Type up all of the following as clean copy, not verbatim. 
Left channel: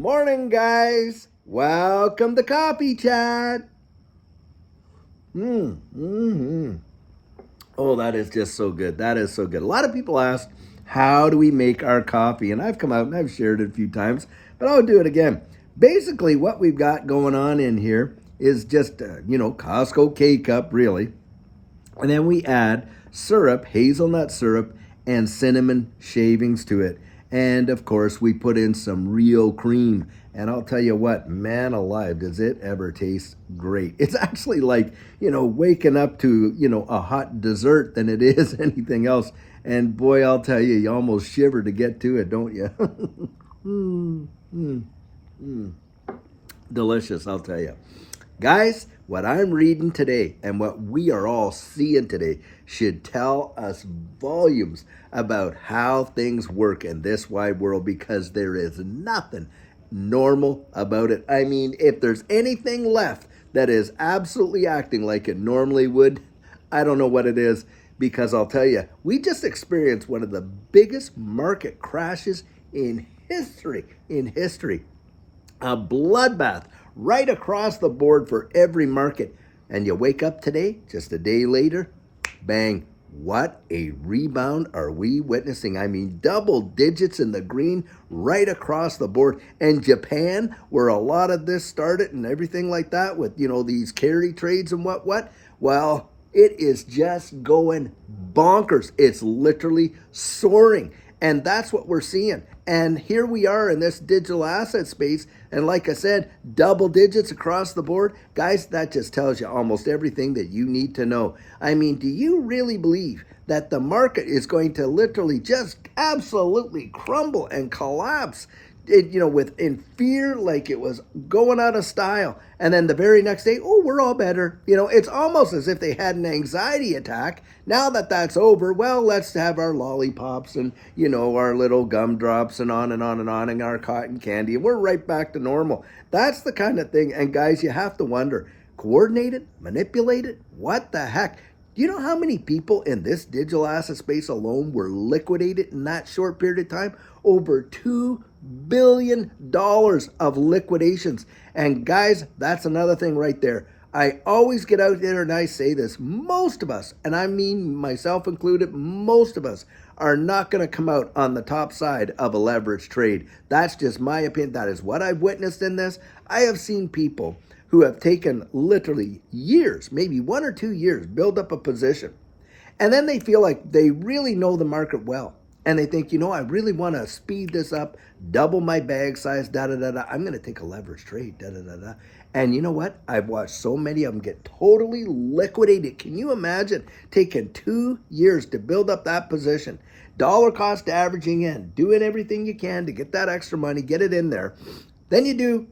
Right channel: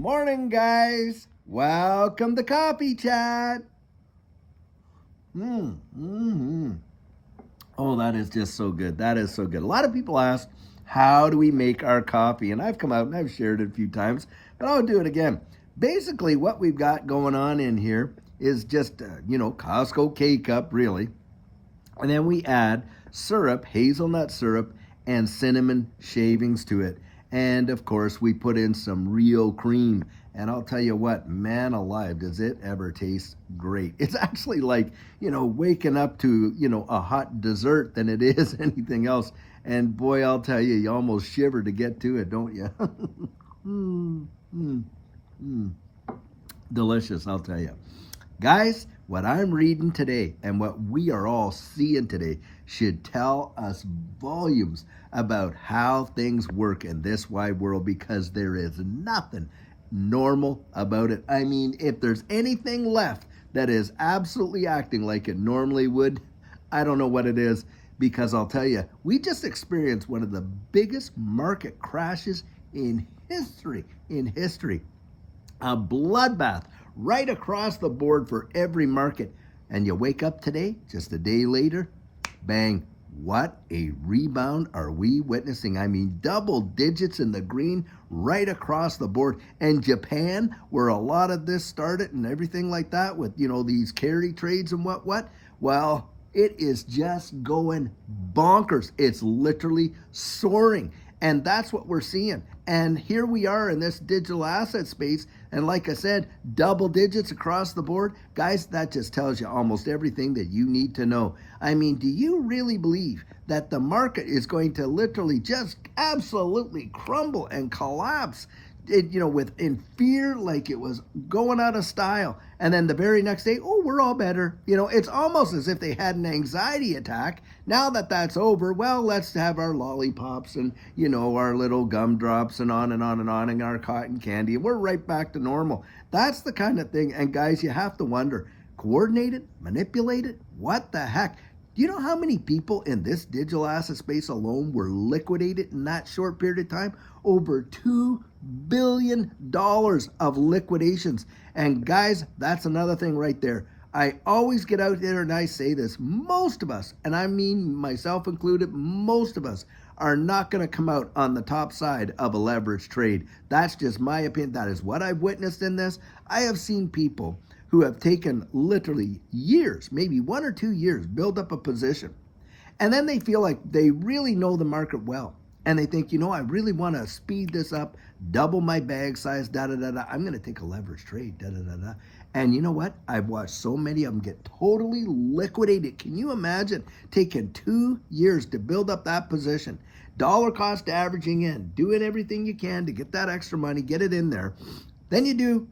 Morning, guys. Welcome to Coffee Chat. Oh, that is just so good. That is so good. A lot of people ask, how do we make our coffee? And I've come out and I've shared it a few times, but I'll do it again. Basically, what we've got going on in here is just, Costco K-Cup, really. And then we add syrup, hazelnut syrup, and cinnamon shavings to it. And of course, we put in some real cream. And I'll tell you what, man alive, does it ever taste great. It's actually like, waking up to, a hot dessert than it is anything else. And boy, I'll tell you, you almost shiver to get to it, don't you? mm, mm, mm. Delicious, I'll tell you. Guys, what I'm reading today and what we are all seeing today should tell us volumes about how things work in this wide world, because there is nothing normal about it. I mean, if there's anything left that is absolutely acting like it normally would, I don't know what it is, because I'll tell you, we just experienced one of the biggest market crashes in history. A bloodbath right across the board for every market. And you wake up today, just a day later, bang, what a rebound are we witnessing. I mean, double digits in the green right across the board. And Japan, where a lot of this started and everything like that with, these carry trades and what, well, it is just going bonkers. It's literally soaring. And that's what we're seeing. And here we are in this digital asset space. And like I said, double digits across the board. Guys, that just tells you almost everything that you need to know. I mean, do you really believe that the market is going to literally just absolutely crumble and collapse, in fear, like it was going out of style? And then the very next day, oh, we're all better. It's almost as if they had an anxiety attack. Now that that's over, well, let's have our lollipops and, our little gumdrops and on and on and on, and our cotton candy. And we're right back to normal. That's the kind of thing. And guys, you have to wonder, coordinated, manipulated, what the heck? Do you know how many people in this digital asset space alone were liquidated in that short period of time? Over $2 billion of liquidations. And guys, that's another thing right there. I always get out there and I say this, most of us, and I mean myself included, most of us are not going to come out on the top side of a leverage trade. That's just my opinion. That is what I've witnessed in this. I have seen people who have taken literally years, maybe 1 or 2 years, build up a position. And then they feel like they really know the market well. And they think, I really want to speed this up, double my bag size, da-da-da-da. I'm going to take a leverage trade, da-da-da-da. And you know what? I've watched so many of them get totally liquidated. Can you imagine taking 2 years to build up that position? Dollar cost averaging in, doing everything you can to get that extra money, get it in there. Then you do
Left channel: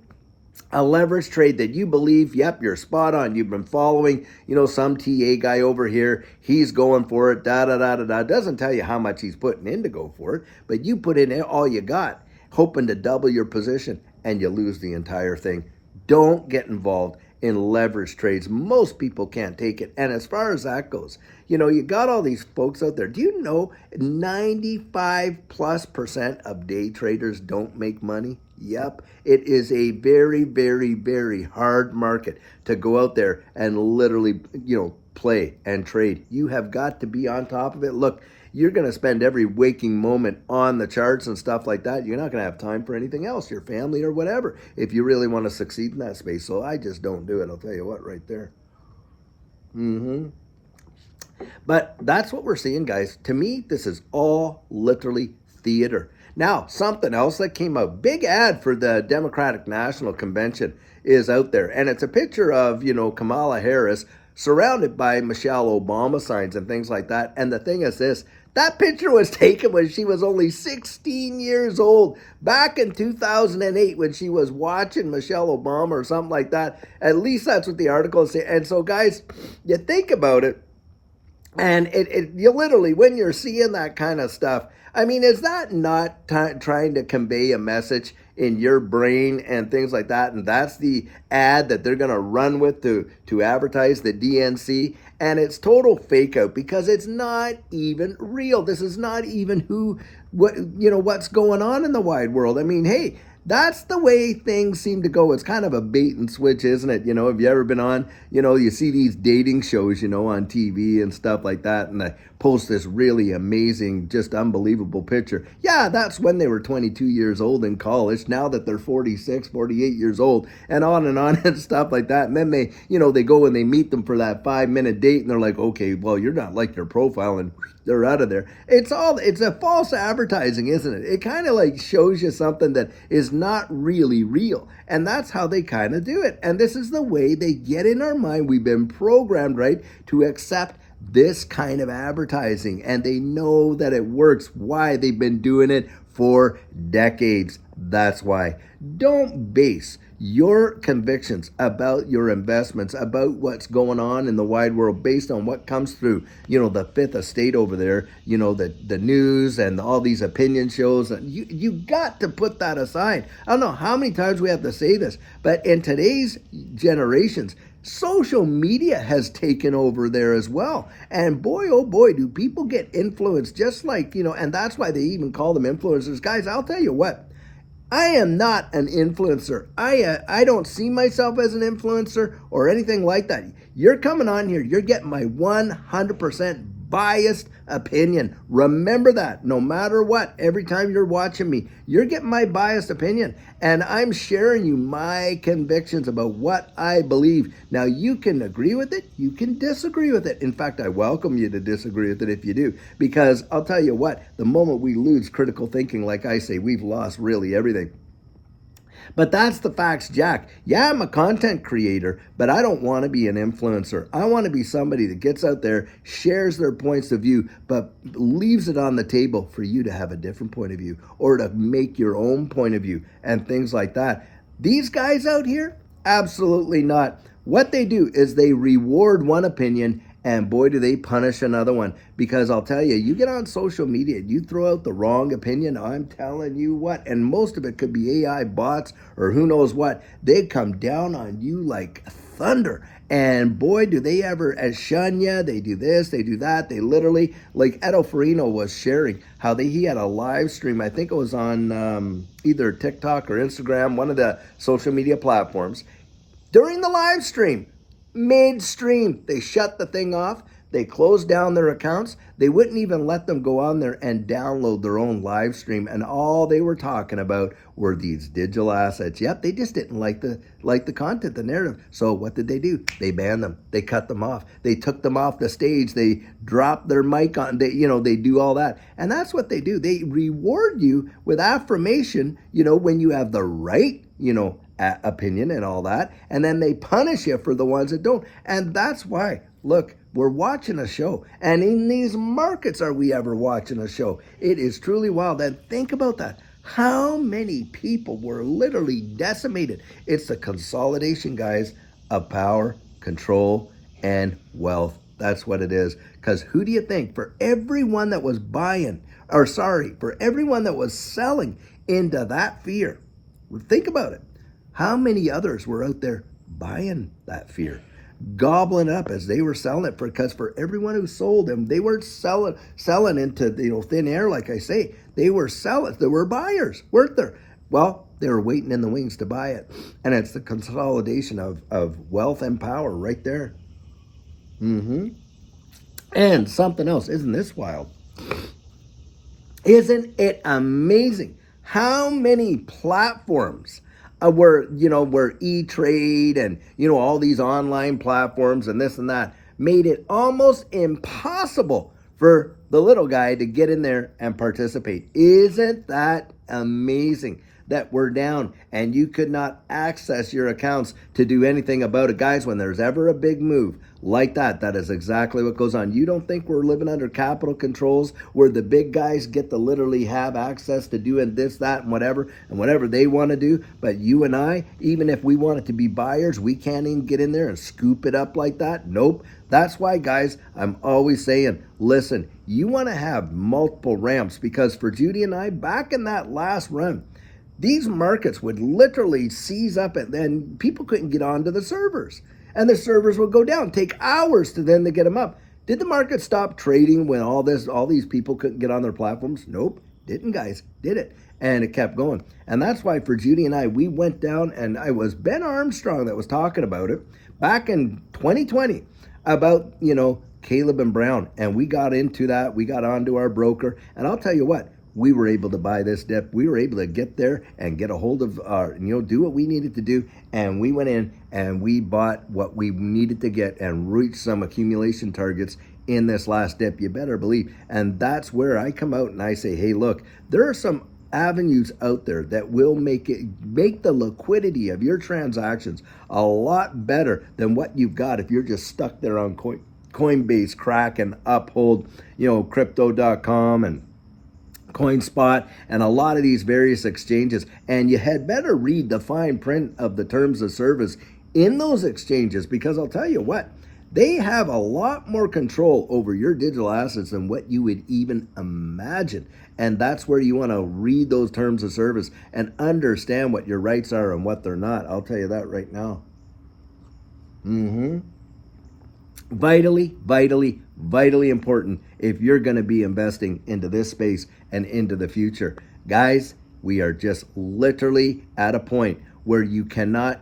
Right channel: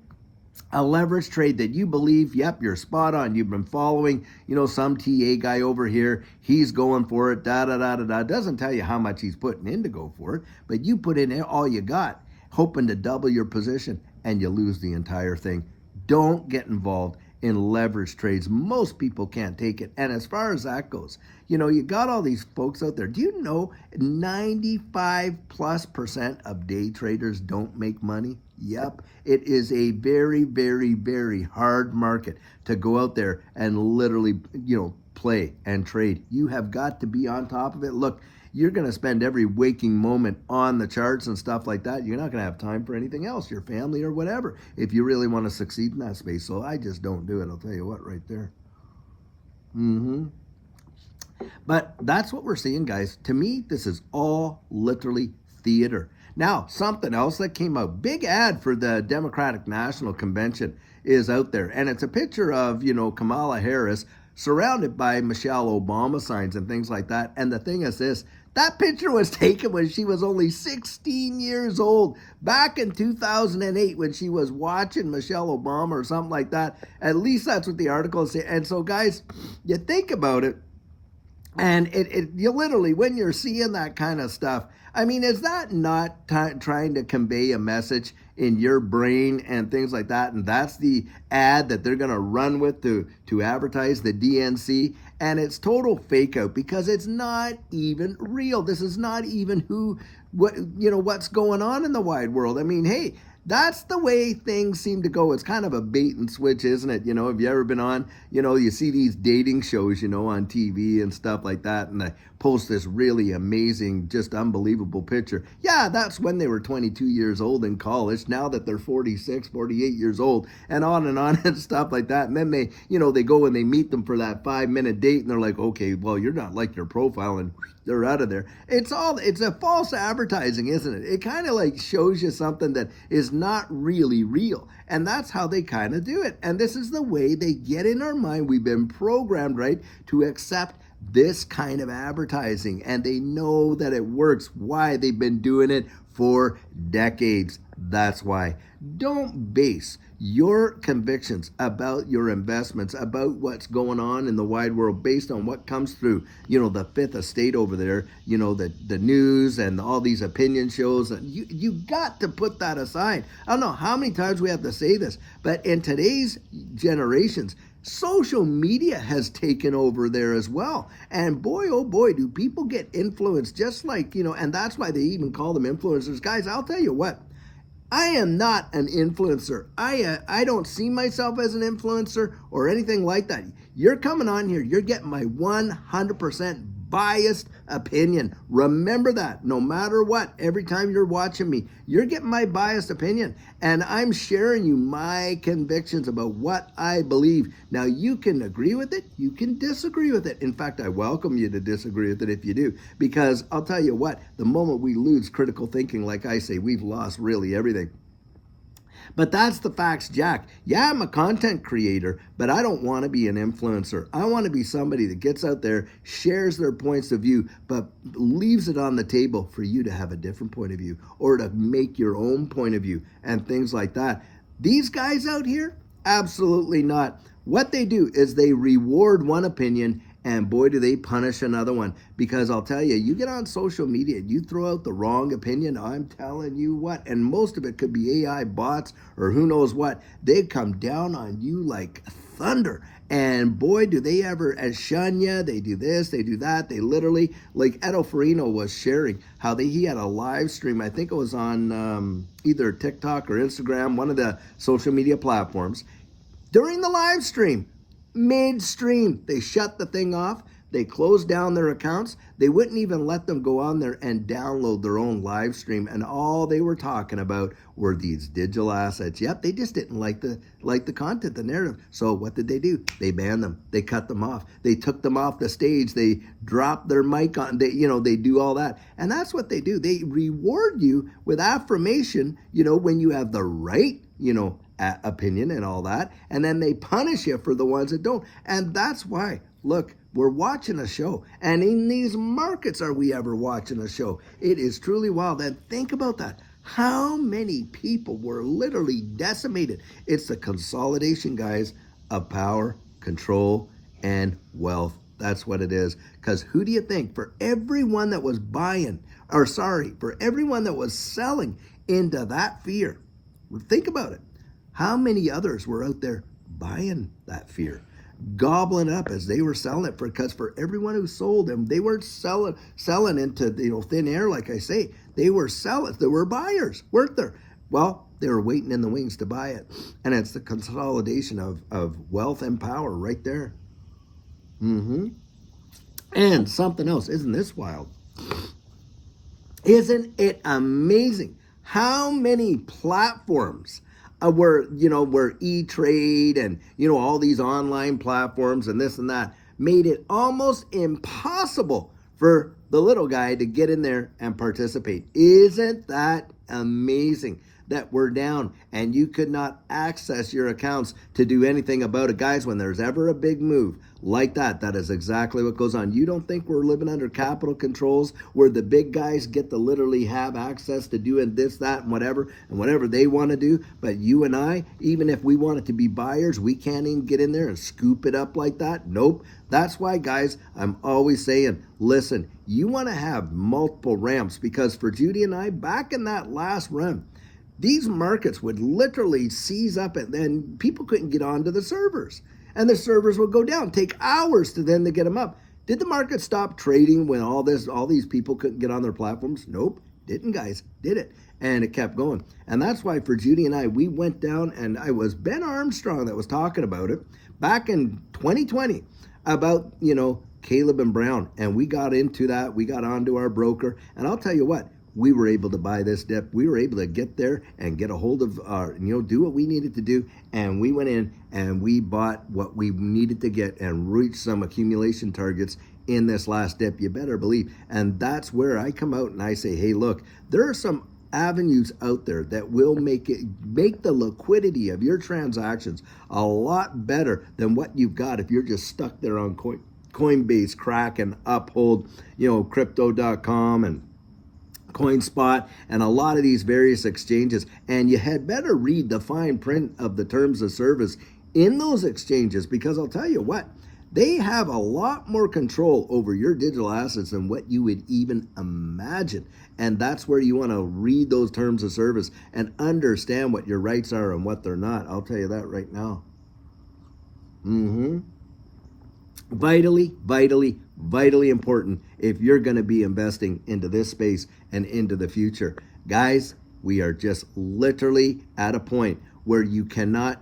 a leverage trade that you believe, yep, you're spot on. You've been following, some TA guy over here. He's going for it, da-da-da-da-da. Doesn't tell you how much he's putting in to go for it, but you put in all you got, hoping to double your position, and you lose the entire thing. Don't get involved in leverage trades. Most people can't take it. And as far as that goes, you got all these folks out there. Do you know 95+% of day traders don't make money? Yep. It is a very, very, very hard market to go out there and literally, play and trade. You have got to be on top of it. Look, you're going to spend every waking moment on the charts and stuff like that. You're not going to have time for anything else, your family or whatever, if you really want to succeed in that space. So I just don't do it. I'll tell you what, right there. But that's what we're seeing, guys. To me, this is all literally theater. Now, something else that came out, big ad for the Democratic National Convention is out there. And it's a picture of, Kamala Harris surrounded by Michelle Obama signs and things like that. And the thing is this, that picture was taken when she was only 16 years old, back in 2008 when she was watching Michelle Obama or something like that. At least that's what the article is saying. And so, guys, you think about it, and you literally, when you're seeing that kind of stuff, I mean, is that not trying to convey a message in your brain and things like that? And that's the ad that they're going to run with to advertise the DNC. And it's total fake out because it's not even real. This is not even what's going on in the wide world. I mean, hey, That's the way things seem to go. It's kind of a bait and switch, isn't it? Have you ever been on, you see these dating shows, on TV and stuff like that, and they post this really amazing, just unbelievable picture. Yeah, that's when they were 22 years old in college. Now that they're 46, 48 years old, and on and stuff like that. And then they go and they meet them for that 5-minute date, and they're like, okay, well, you're not like your profile, and they're out of there. It's a false advertising, isn't it? It kind of like shows you something that is not really real. And that's how they kind of do it. And this is the way they get in our mind. We've been programmed, right, to accept this kind of advertising. And they know that it works. Why? They've been doing it for decades. That's why. Don't base your convictions about your investments, about what's going on in the wide world, based on what comes through, the fifth estate over there, the news and all these opinion shows. You got to put that aside. I don't know how many times we have to say this, but in today's generations, social media has taken over there as well. And boy, oh boy, do people get influenced, just like, and that's why they even call them influencers. Guys, I'll tell you what, I am not an influencer. I don't see myself as an influencer or anything like that. You're coming on here, you're getting my 100% biased opinion. Remember that. No matter what, every time you're watching me, you're getting my biased opinion. And I'm sharing you my convictions about what I believe. Now, you can agree with it, you can disagree with it. In fact, I welcome you to disagree with it if you do. Because I'll tell you what, the moment we lose critical thinking, like I say, we've lost really everything. But that's the facts, Jack. Yeah, I'm a content creator, but I don't want to be an influencer. I want to be somebody that gets out there, shares their points of view, but leaves it on the table for you to have a different point of view or to make your own point of view and things like that. These guys out here, absolutely not. What they do is they reward one opinion, and boy, do they punish another one. Because I'll tell you, you get on social media, you throw out the wrong opinion, I'm telling you what, and most of it could be AI bots or who knows what, they come down on you like thunder. And boy, do they ever shun you. They do this, they do that. They literally, like Edo Farino was sharing how he had a live stream. I think it was on either TikTok or Instagram, one of the social media platforms. During the live stream, midstream, they shut the thing off. They closed down their accounts. They wouldn't even let them go on there and download their own live stream. And all they were talking about were these digital assets. Yep, they just didn't like the content, the narrative. So what did they do? They banned them. They cut them off. They took them off the stage. They dropped their mic on. They do all that. And that's what they do. They reward you with affirmation, when you have the right, opinion and all that, and then they punish you for the ones that don't. And that's why, look, we're watching a show, and in these markets are we ever watching a show? It is truly wild. And think about that. How many people were literally decimated? It's the consolidation, guys, of power, control, and wealth. That's what it is. Because who do you think, for everyone that was for everyone that was selling into that fear, think about it. How many others were out there buying that fear, gobbling up as they were selling it? Because for everyone who sold them, they weren't selling into thin air, like I say. They were selling. There were buyers, weren't there? Well, they were waiting in the wings to buy it, and it's the consolidation of wealth and power right there. And something else, isn't this wild? Isn't it amazing how many platforms? Where E-Trade and, all these online platforms and this and that made it almost impossible for the little guy to get in there and participate. Isn't that amazing that we're down and you could not access your accounts to do anything about it? Guys, when there's ever a big move like that, that is exactly what goes on. You don't think we're living under capital controls where the big guys get to literally have access to doing this, that, and whatever they want to do? But you and I, even if we want it to be buyers, we can't even get in there and scoop it up like that. Nope. That's why, guys, I'm always saying, listen, you want to have multiple ramps, because for Judy and I, back in that last run, these markets would literally seize up, and then people couldn't get onto the servers. And the servers would go down, take hours to get them up. Did the market stop trading when all these people couldn't get on their platforms? Nope, didn't, guys, did it? And it kept going. And that's why for Judy and I, we went down, and I was Ben Armstrong that was talking about it back in 2020 about, Caleb and Brown. And we got into that. We got onto our broker. And I'll tell you what, we were able to buy this dip. We were able to get there and get a hold of our, do what we needed to do. And we went in and we bought what we needed to get and reached some accumulation targets in this last dip, you better believe. And that's where I come out and I say, hey, look, there are some avenues out there that will make the liquidity of your transactions a lot better than what you've got if you're just stuck there on Coinbase, Kraken, Uphold, Crypto.com and CoinSpot and a lot of these various exchanges. And you had better read the fine print of the terms of service in those exchanges, because I'll tell you what, they have a lot more control over your digital assets than what you would even imagine. And that's where you want to read those terms of service and understand what your rights are and what they're not. I'll tell you that right now. Vitally, vitally, vitally important if you're going to be investing into this space and into the future. Guys, we are just literally at a point where you can't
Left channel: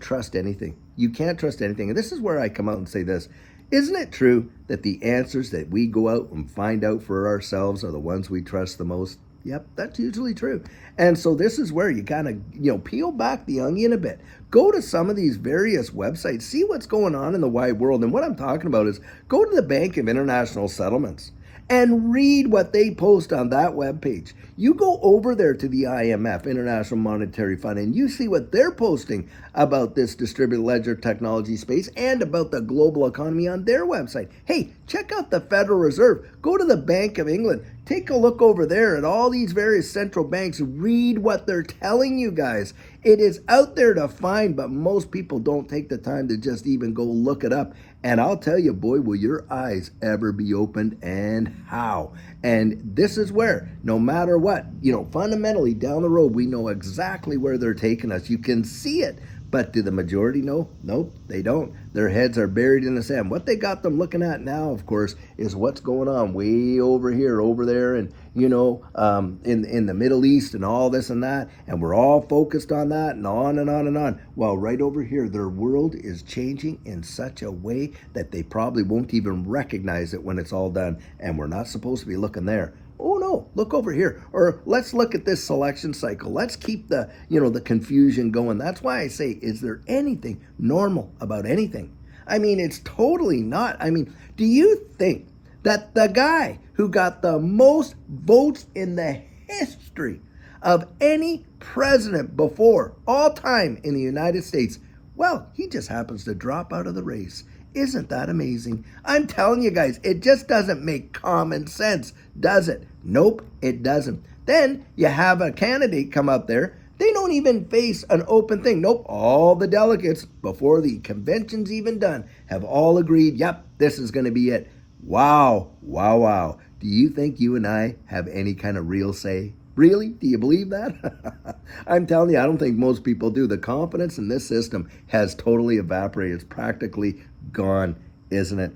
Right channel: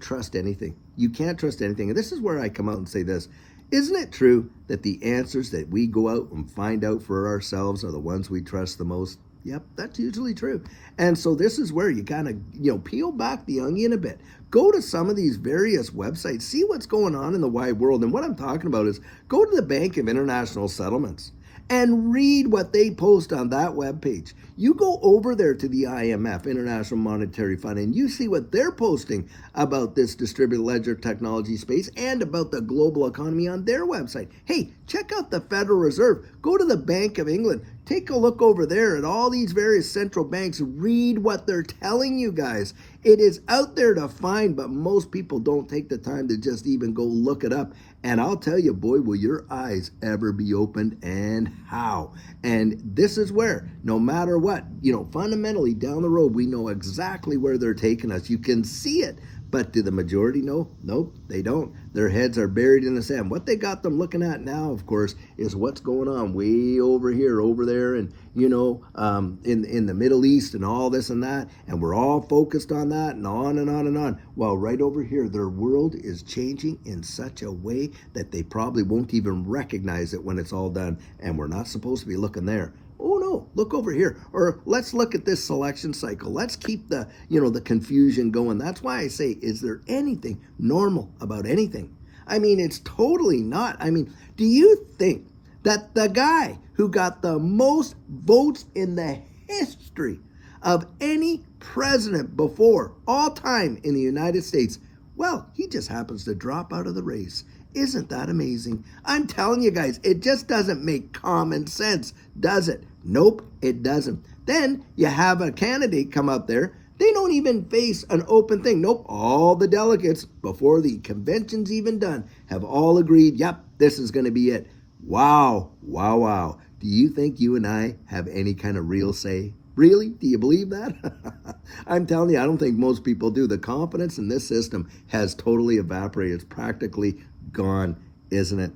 trust anything. You can't trust anything. And this is where I come out and say this. Isn't it true that the answers that we go out and find out for ourselves are the ones we trust the most? Yep, that's usually true. And so this is where you kind of, peel back the onion a bit. Go to some of these various websites, see what's going on in the wide world. And what I'm talking about is go to the Bank of International Settlements and read what they post on that webpage. You go over there to the IMF, International Monetary Fund, and you see what they're posting about this distributed ledger technology space and about the global economy on their website. Hey, check out the Federal Reserve. Go to the Bank of England. Take a look over there at all these various central banks. Read what they're telling you guys. It is out there to find, but most people don't take the time to just even go look it up. And I'll tell you, boy, will your eyes ever be opened, and how. And this is where, no matter what, fundamentally down the road, we know exactly where they're taking us. You can see it. But do the majority know? Nope, they don't. Their heads are buried in the sand. What they got them looking at now, of course, is what's going on way over here, over there, and in the Middle East and all this and that. And we're all focused on that and on and on and on. Well, right over here, their world is changing in such a way that they probably won't even recognize it when it's all done. And we're not supposed to be looking there. Oh no, look over here. Or let's look at this selection cycle. Let's keep the confusion going. That's why I say, is there anything normal about anything? I mean, it's totally not. I mean, do you think that the guy who got the most votes in the history of any president before all time in the United States, well, he just happens to drop out of the race? Isn't that amazing? I'm telling you guys, it just doesn't make common sense, does it? Nope, it doesn't. Then you have a candidate come up there. They don't even face an open thing. Nope, all the delegates, before the convention's even done, have all agreed, yep, this is going to be it. Wow, wow, wow. Do you think you and I have any kind of real say? Really? Do you believe that? I'm telling you, I don't think most people do. The confidence in this system has totally evaporated. It's practically gone, isn't it?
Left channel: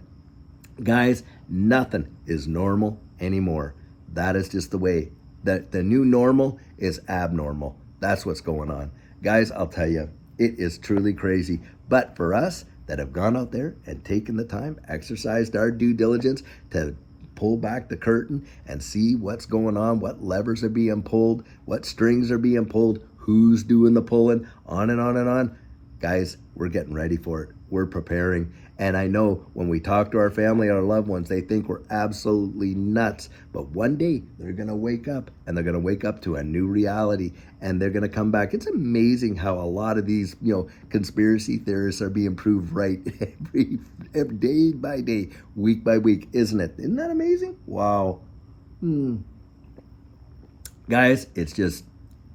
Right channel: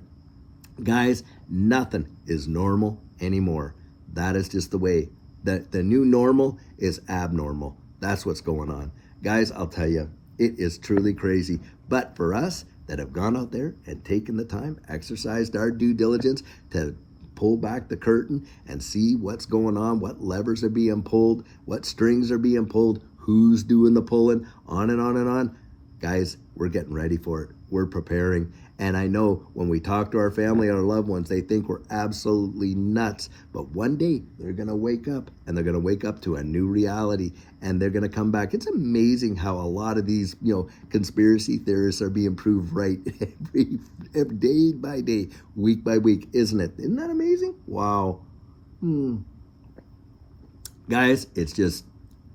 Guys, nothing is normal anymore. That is just the way. The new normal is abnormal. That's what's going on. Guys, I'll tell you, it is truly crazy. But for us that have gone out there and taken the time, exercised our due diligence to pull back the curtain and see what's going on, what levers are being pulled, what strings are being pulled, who's doing the pulling, on and on and on. Guys, we're getting ready for it. We're preparing. And I know when we talk to our family, our loved ones, they think we're absolutely nuts. But one day they're going to wake up, and they're going to wake up to a new reality, and they're going to come back. It's amazing how a lot of these, conspiracy theorists are being proved right every day by day, week by week, isn't it? Isn't that amazing? Wow. Guys, it's just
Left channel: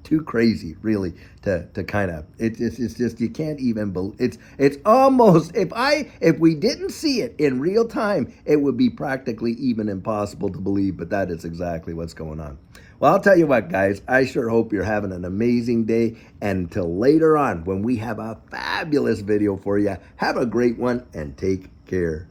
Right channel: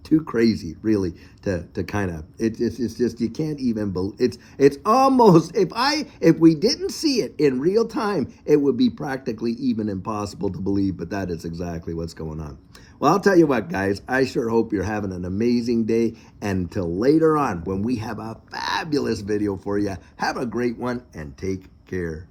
too crazy, really, to kind of, it's just, you can't even believe, it's almost, if we didn't see it in real time, it would be practically even impossible to believe, but that is exactly what's going on. Well, I'll tell you what, guys, I sure hope you're having an amazing day, and until later on, when we have a fabulous video for you, have a great one, and take care.